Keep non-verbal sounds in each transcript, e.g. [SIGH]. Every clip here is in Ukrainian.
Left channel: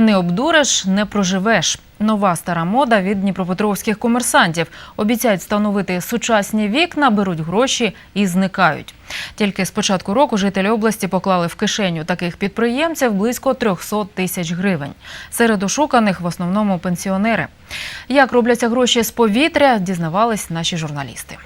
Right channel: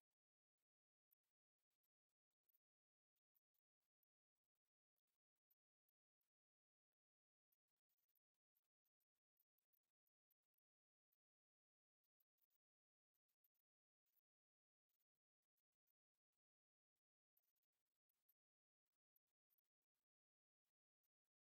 Не обдуриш, не проживеш. Нова стара мода від дніпропетровських комерсантів. Обіцяють встановити сучасні вікна, беруть гроші і зникають. Тільки з початку року жителі області поклали в кишеню таких підприємців близько 300 тисяч гривень. Серед ошуканих в основному пенсіонери. Як робляться гроші з повітря, дізнавались наші журналісти.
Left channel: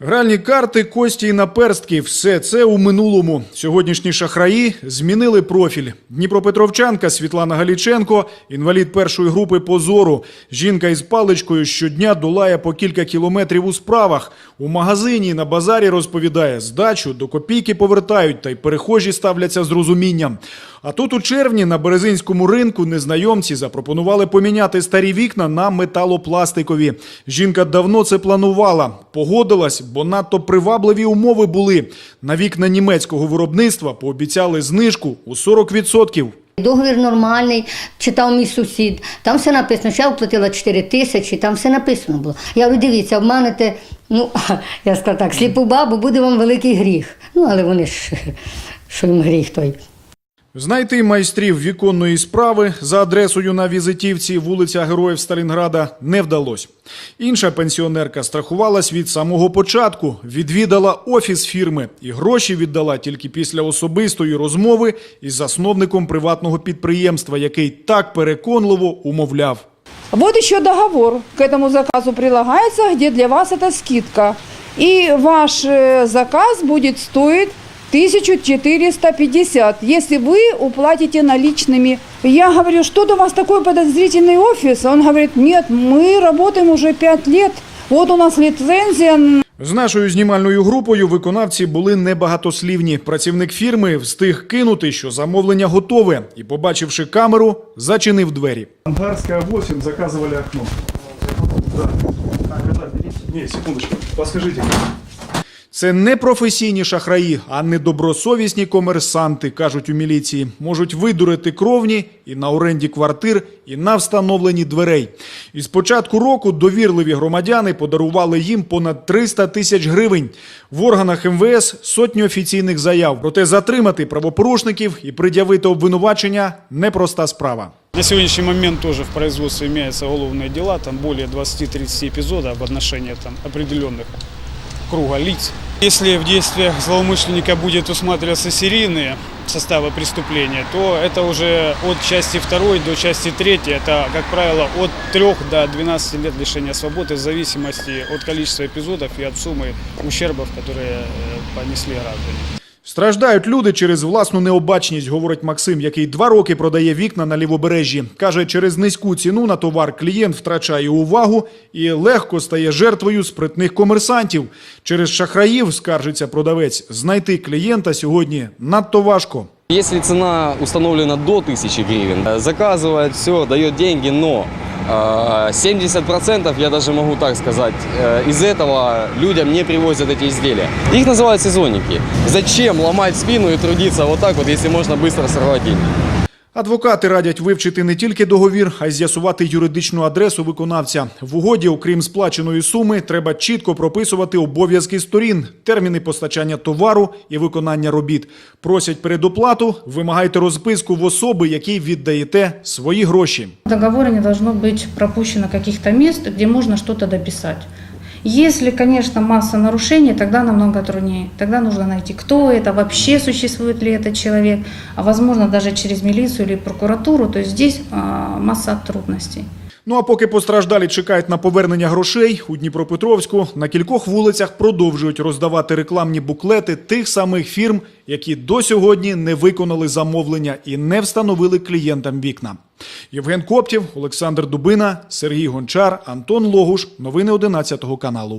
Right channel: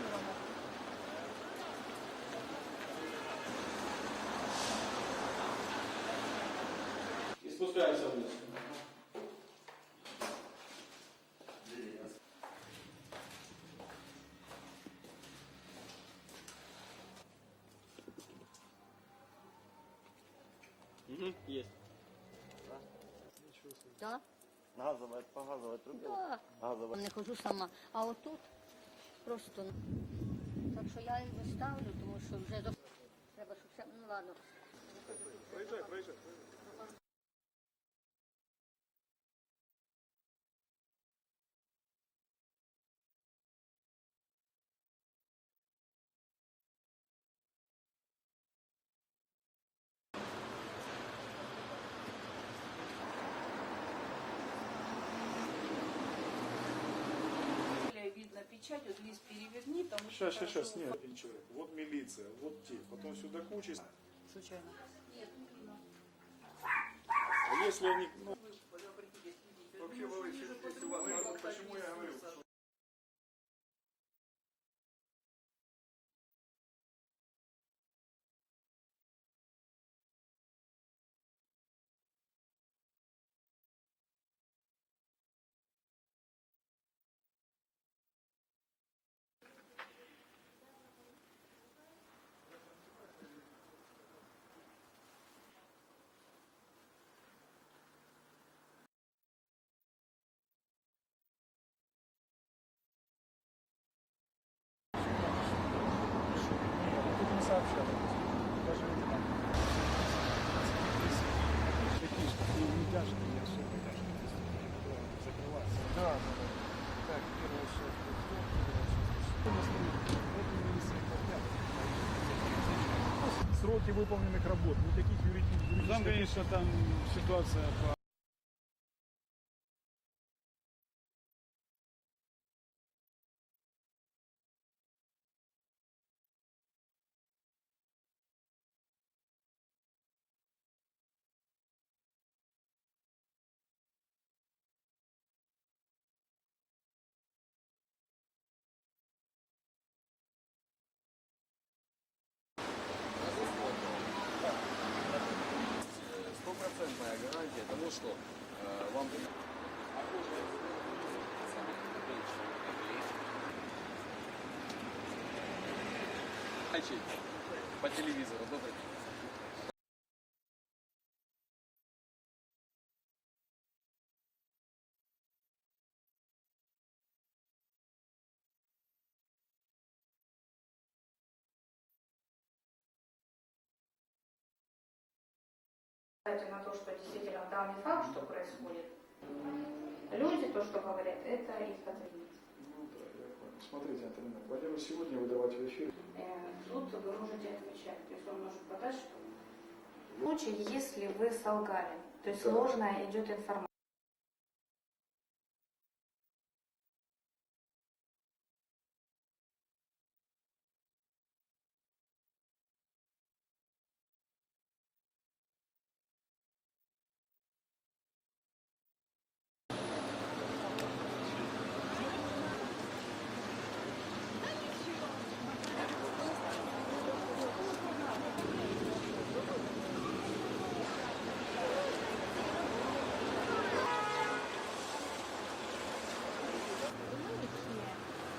Гральні карти, кості і наперстки – все це у минулому. Сьогоднішні шахраї змінили профіль. Дніпропетровчанка Світлана Галіченко – інвалід першої групи по зору. Жінка із паличкою щодня долає по кілька кілометрів у справах. У магазині на базарі розповідає, здачу до копійки повертають, та й перехожі ставляться з розумінням. А тут у червні на Березинському ринку незнайомці запропонували поміняти старі вікна на металопластикові. Жінка давно це планувала. Погодилась, бо надто привабливі умови були. На вікна німецького виробництва пообіцяли знижку у 40%. Договір нормальний, читав мій сусід. Там все написано, що я оплатила 4 тисячі, там все написано було. Я говорю, дивіться, обманете, ну, [LAUGHS] я сказала так, сліпу бабу, буде вам великий гріх. Ну, але вони ж, [LAUGHS] що їм гріх той. Знайти майстрів віконної справи за адресою на візитівці вулиця Героїв Сталінграда не вдалося. Інша пенсіонерка страхувалась від самого початку, відвідала офіс фірми і гроші віддала тільки після особистої розмови із засновником приватного підприємства, який так переконливо умовляв. Вот еще договор к этому заказу прилагается, где для вас это скидка. И ваш э, заказ будет стоить 1450, если вы уплатите наличными. Я говорю, что у вас такой подозрительный офис? Он говорит, нет, мы работаем уже 5 лет. Вот у нас лицензия З нашою знімальною групою виконавці були небагатослівні. Працівник фірми встиг кинути, що замовлення готове, і, побачивши камеру, зачинив двері. Ангарская 8 заказывали окно. Да. Не, секундочку, подскажите. Це не професійні шахраї, а недобросовісні комерсанти, кажуть у міліції. Можуть видурити кровні і на оренді квартир, і на встановленні дверей. І з початку року довірливі громадяни подарували їм понад 300 тисяч гривень. В органах МВС сотні офіційних заяв. Проте затримати правопорушників і пред'явити обвинувачення непроста справа. На сегодняшний момент тоже в производстве имеются уголовные дела, там более 20-30 эпизодов в отношении там, определенных круга лиц. Если в действиях злоумышленника будет усматриваться серийные составы преступления, то это уже от части 2 до части 3, это, как правило, от 3 до 12 лет лишения свободы в зависимости от количества эпизодов и от суммы ущербов, которые э, понесли граждане. Страждають люди через власну необачність, говорить Максим, який два роки продає вікна на лівобережжі. Каже, через низьку ціну на товар клієнт втрачає увагу і легко стає жертвою спритних комерсантів. Через шахраїв, скаржиться продавець, знайти клієнта сьогодні надто важко. Если цена установлена до 1000 гривен, э, заказывает все, дает деньги, но э, 70%, я даже могу так сказать, э, из этого людям не привозят эти изделия. Их называют сезонники. Зачем ломать спину и трудиться вот так вот, если можно быстро сорвать деньги? Адвокати радять вивчити не тільки договір, а й з'ясувати юридичну адресу виконавця. В угоді, окрім сплаченої суми, треба чітко прописувати обов'язки сторін, терміни постачання товару і виконання робіт. Просять передоплату, вимагайте розписку в особи, якій віддаєте свої гроші. В не должно быть пропущено каких-то мест, где можно что-то дописать. Если, конечно, масса нарушений, тогда намного труднее. Тогда нужно найти, кто это, вообще существует ли этот человек, а возможно даже через милицию или прокуратуру. То есть здесь а, масса трудностей. Ну а поки постраждалі чекають на повернення грошей, у Дніпропетровську на кількох вулицях продовжують роздавати рекламні буклети тих самих фірм, які до сьогодні не виконали замовлення і не встановили клієнтам вікна. Євген Коптів, Олександр Дубина, Сергій Гончар, Антон Логуш. Новини 11 каналу.